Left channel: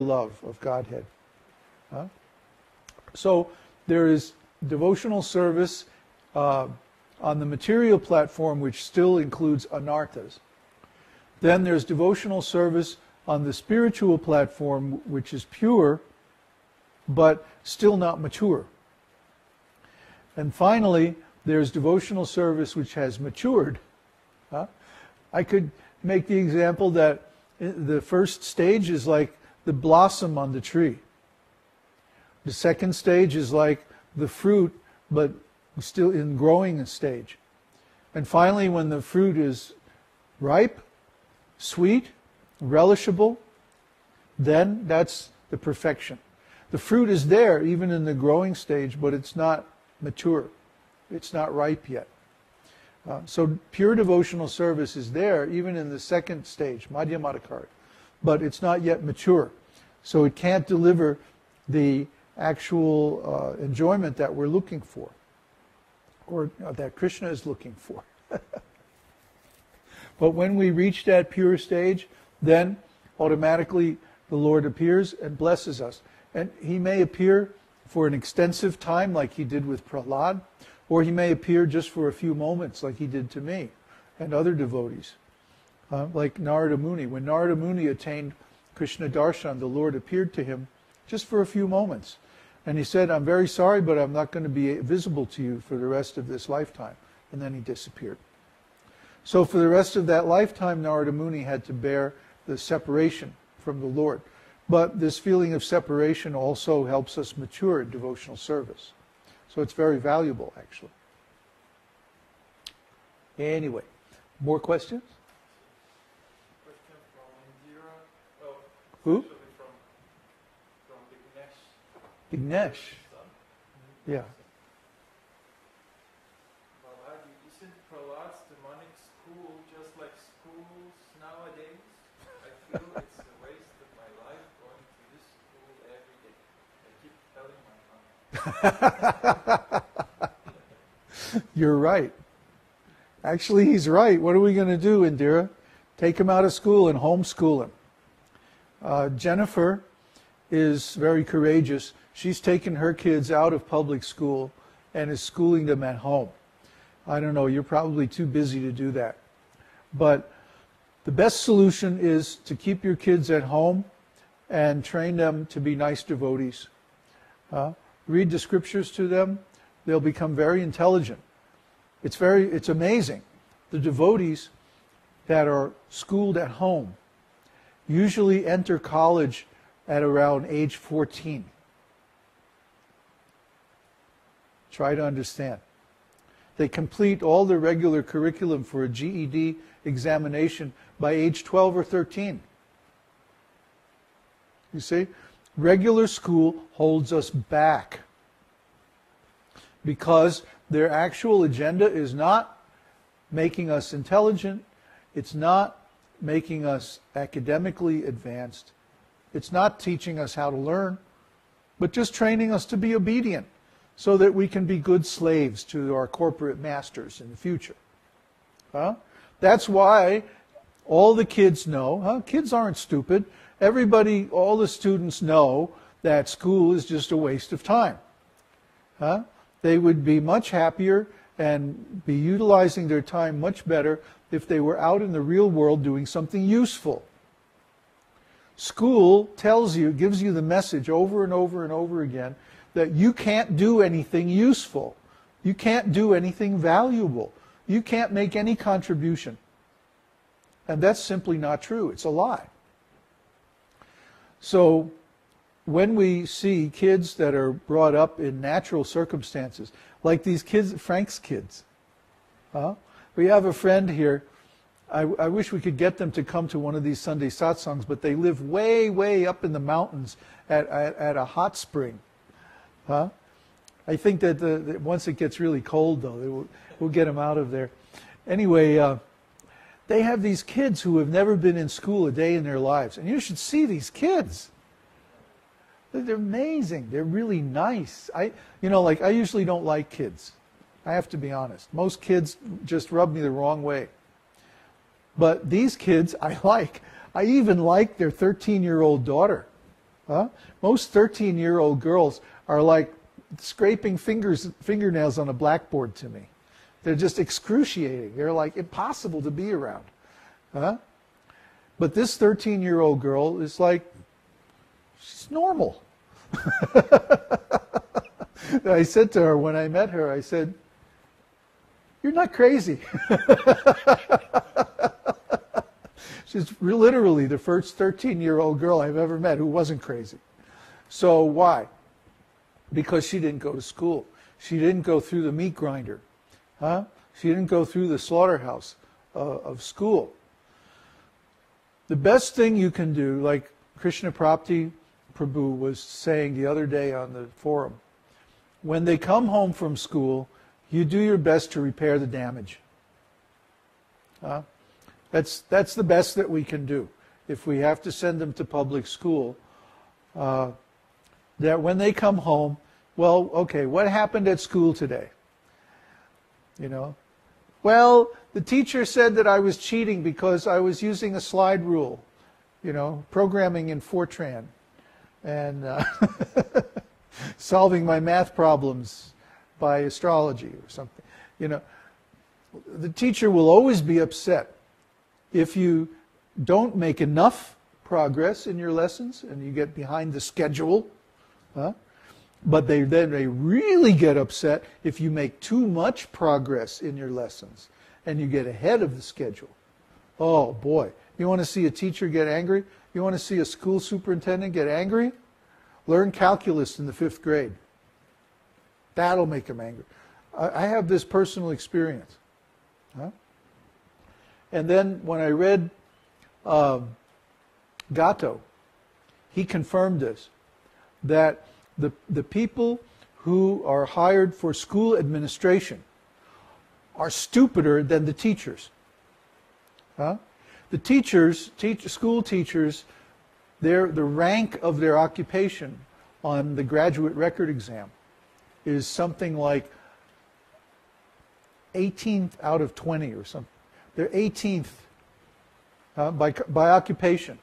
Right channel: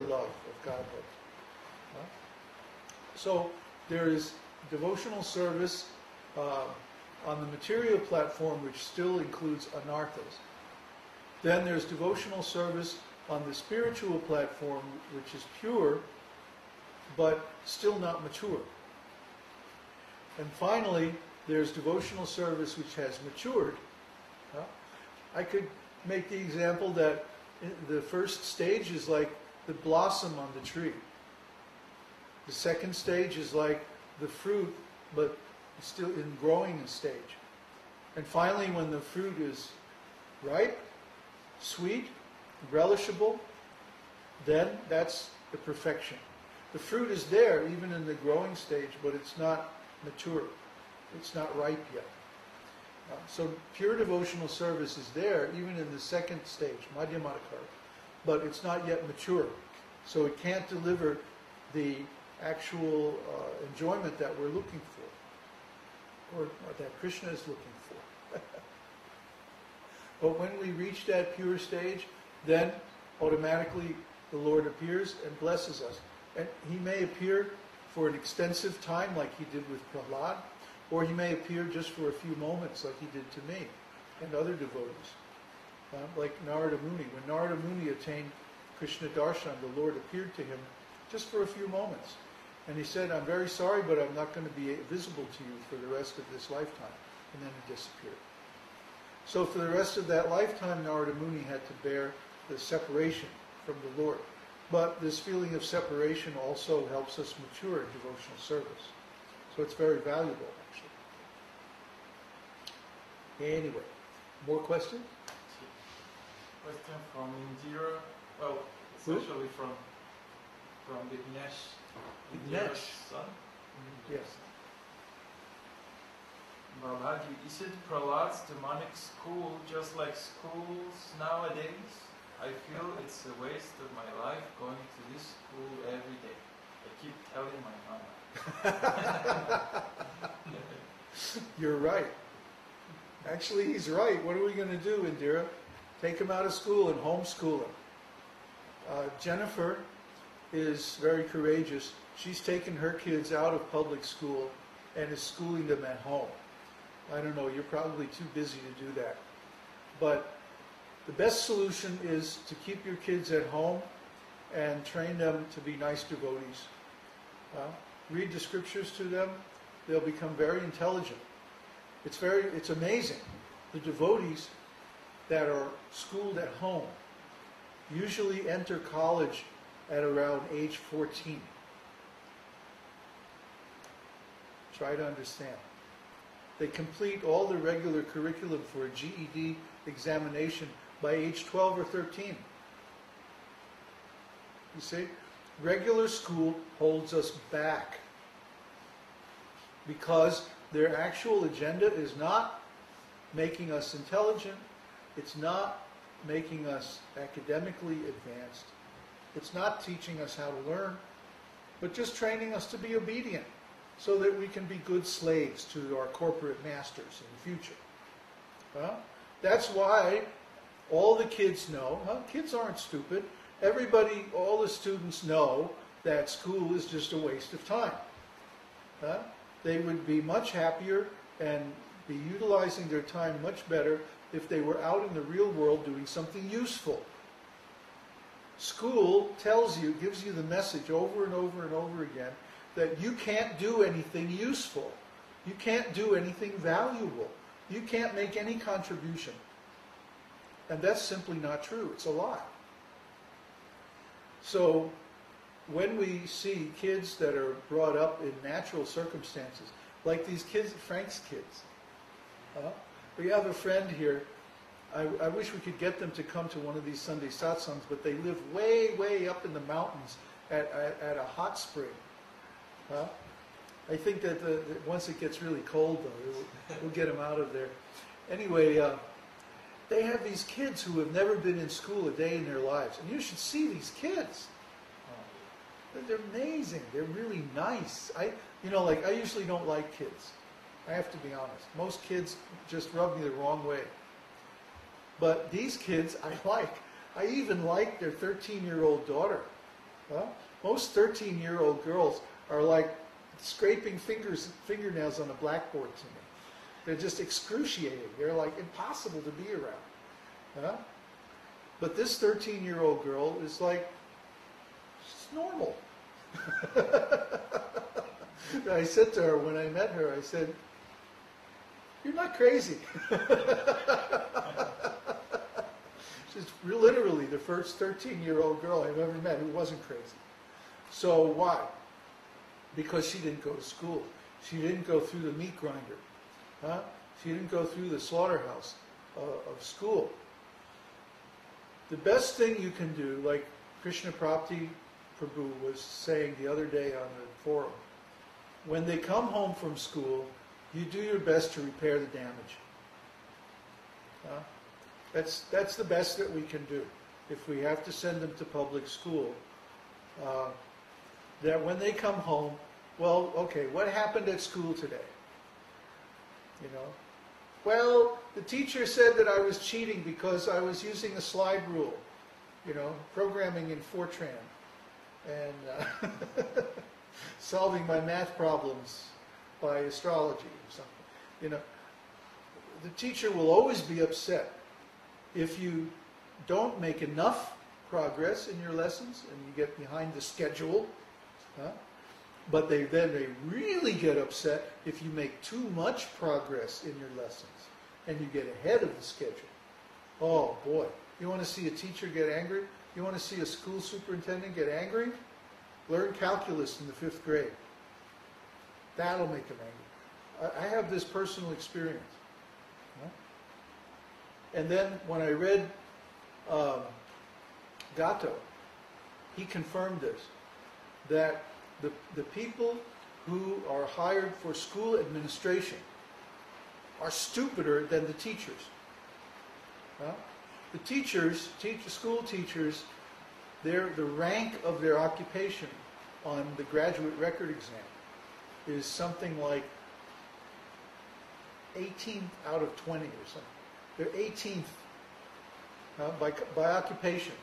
love of Godhead. So there is devotional service on the material platform, which still includes anarthas. Then there's devotional service on the spiritual platform, which is pure, but still not mature. And finally, there's devotional service which has matured. I could make the example that the first stage is like the blossom on the tree. The second stage is like the fruit, but still in growing stage. And finally, when the fruit is ripe, sweet, relishable, then that's the perfection. The fruit is there even in the growing stage, but it's not mature. It's not ripe yet. So pure devotional service is there even in the second stage, madhyamadhikara, but it's not yet mature. So it can't deliver the actual enjoyment that we're looking for, or that Krishna is looking for. But when we reach that pure stage, then automatically the Lord appears and blesses us. And he may appear for an extensive time like he did with Prahlad, or he may appear just for a few moments like he did to me and other devotees. Like Narada Muni. When Narada Muni attained Krishna Darshan, the Lord appeared to him just for a few moments. And he said, I'm very sorry, but I'm not going to be visible to you for the rest of this lifetime. And then he disappeared. So for the rest of that lifetime, Narada Muni had to bear the separation from the Lord. But this feeling of separation also helps us mature in devotional service. So it's very valuable, actually. Anyway, more questions? Question from Indira. Well, Who? especially from Vignesh. Vignesh. Son? Yeah. Balaji, is it Prahlad's demonic school just like schools nowadays? I feel it's a waste of my life going to this school every day. I keep telling my mama. You're right. Actually, he's right. What are we going to do, Indira? Take him out of school and homeschool him. Jennifer is very courageous. She's taken her kids out of public school and is schooling them at home. I don't know, you're probably too busy to do that. But the best solution is to keep your kids at home and train them to be nice devotees. Read the scriptures to them. They'll become very intelligent. It's amazing. The devotees that are schooled at home usually enter college at around age 14. Try to understand. They complete all the regular curriculum for a GED examination by age 12 or 13. You see? Regular school holds us back because their actual agenda is not making us intelligent. It's not making us academically advanced. It's not teaching us how to learn, but just training us to be obedient so that we can be good slaves to our corporate masters in the future. That's why all the kids know, kids aren't stupid. Everybody, all the students know that school is just a waste of time. They would be much happier and be utilizing their time much better if they were out in the real world doing something useful. School tells you, gives you the message over and over and over again that you can't do anything useful. You can't do anything valuable. You can't make any contribution. And that's simply not true. It's a lie. So when we see kids that are brought up in natural circumstances, like these kids, Frank's kids. We have a friend here. I wish we could get them to come to one of these Sunday Satsangs, but they live way, way up in the mountains at a hot spring. I think that once it gets really cold, though, we'll get them out of there. Anyway, they have these kids who have never been in school a day in their lives. And you should see these kids. They're amazing. They're really nice. I usually don't like kids. I have to be honest. Most kids just rub me the wrong way. But these kids I like. I even like their 13-year-old daughter. Huh? Most 13-year-old girls are like scraping fingernails on a blackboard to me. They're just excruciating. They're like impossible to be around. Huh? But this 13-year-old girl is like, she's normal. I said to her when I met her, I said, "You're not crazy." She's literally the first 13-year-old girl I've ever met who wasn't crazy. So why? Because she didn't go to school. She didn't go through the meat grinder. Huh? She didn't go through the slaughterhouse of school. The best thing you can do, like Kṛṣṇa Prabhu was saying the other day on the forum, when they come home from school, you do your best to repair the damage. That's the best that we can do. If we have to send them to public school, that when they come home, well, okay, what happened at school today? You know, well, the teacher said that I was cheating because I was using a slide rule, you know, programming in Fortran, and solving my math problems by astrology or something. You know, the teacher will always be upset if you don't make enough progress in your lessons and you get behind the schedule. But then they really get upset if you make too much progress in your lessons and you get ahead of the schedule. Oh boy, you want to see a teacher get angry? You want to see a school superintendent get angry? Learn calculus in the 5th grade. That'll make them angry. I have this personal experience. And then when I read Gatto, he confirmed this, that the people who are hired for school administration are stupider than the teachers. The teachers, school teachers, the rank of their occupation on the graduate record exam is something like 18th out of 20 or something. They're 18th by occupation.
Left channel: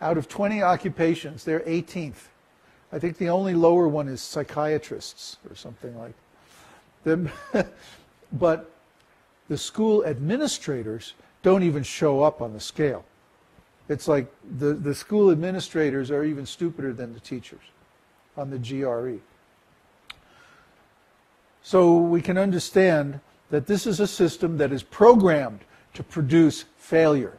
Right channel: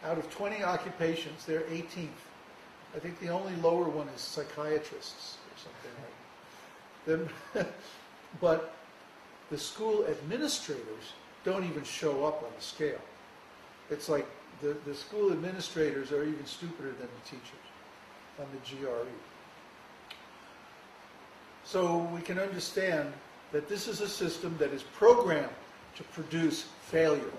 Out of 20 occupations, they're 18th. I think the only lower one is psychiatrists or something like that. But the school administrators don't even show up on the scale. It's like the school administrators are even stupider than the teachers on the GRE. So we can understand that this is a system that is programmed to produce failure.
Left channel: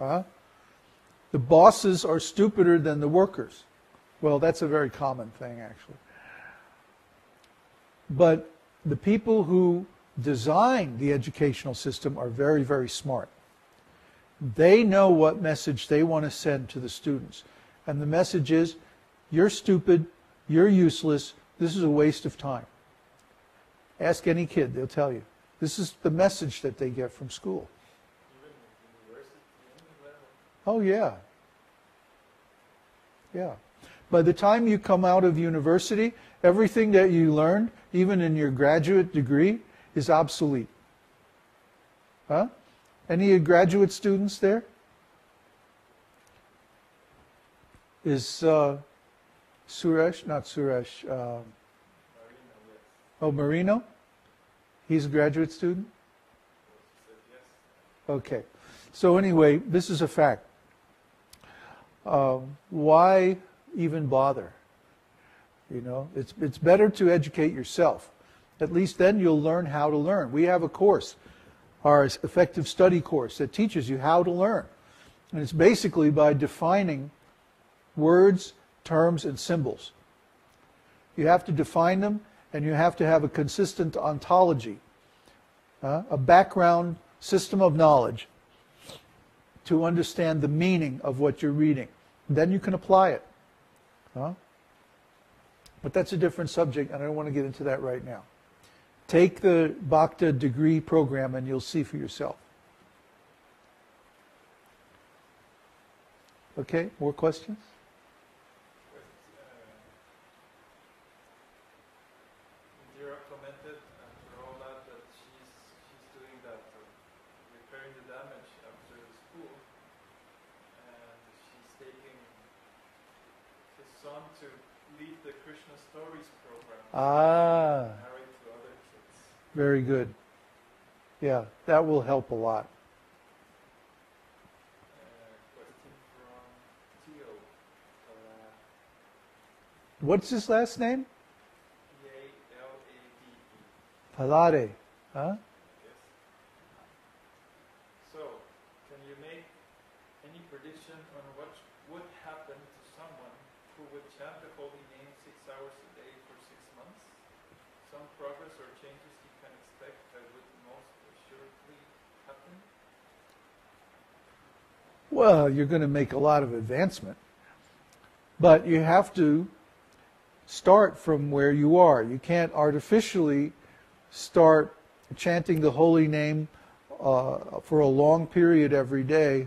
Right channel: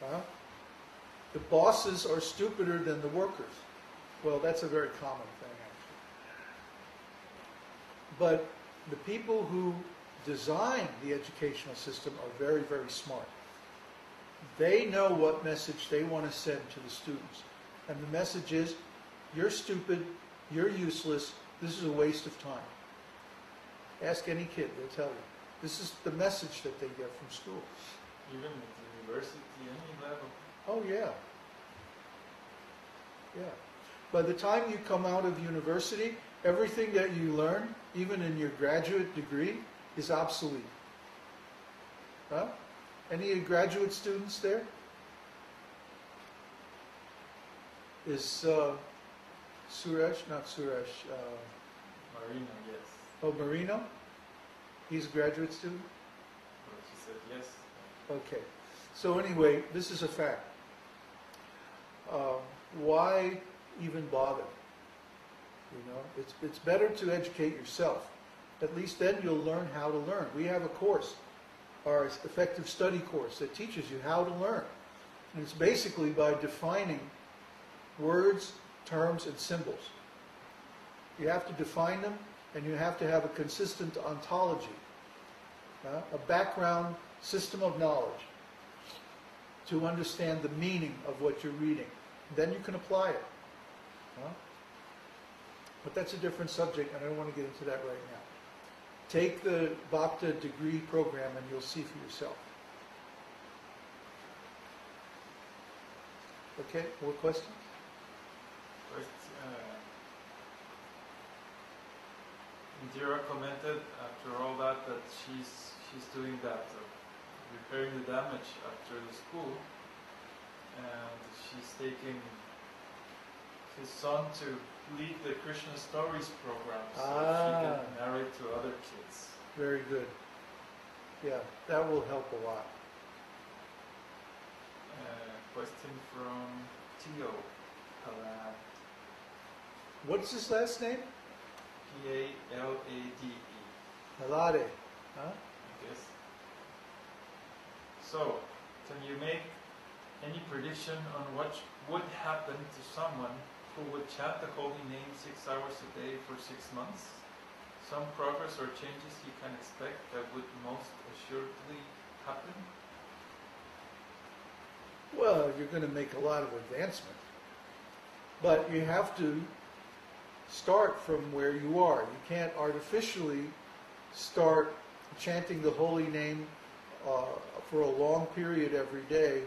The bosses are stupider than the workers. Well, that's a very common thing, actually. But the people who design the educational system are very, very smart. They know what message they want to send to the students. And the message is, you're stupid, you're useless, this is a waste of time. Ask any kid, they'll tell you. This is the message that they get from school. Even at university, any level. Oh, yeah. Yeah. By the time you come out of university, everything that you learned, even in your graduate degree, is obsolete. Any graduate students there? Is Suresh, not Suresh. Marino, yes. Oh, Marino? He's a graduate student? Well, she said yes. Okay. So anyway, this is a fact. Why even bother? You know, it's better to educate yourself. At least then you'll learn how to learn. We have a course, our effective study course, that teaches you how to learn. And it's basically by defining words, terms, and symbols. You have to define them, and you have to have a consistent ontology, a background system of knowledge to understand the meaning of what you're reading. Then you can apply it. But that's a different subject, and I don't want to get into that right now. Take the Bhakta degree program, and you'll see for yourself. Okay, more questions? Indira commented after all that she's doing that, repairing the damage after the school, and she taking his son to lead the Krishna Stories program, so Ah. he can narrate to other kids. Very good. Yeah, that will help a lot. Question from Tio Palad. What's his last name? P-A-L-A-D-E, Palade. Huh? I guess. So, can you make any prediction on what would happen to someone who would chant the holy name 6 hours a day for 6 months? Some progress or changes you can expect that would most assuredly happen? Well, you're going to make a lot of advancement. But you have to start from where you are. You can't artificially start chanting the holy name for a long period every day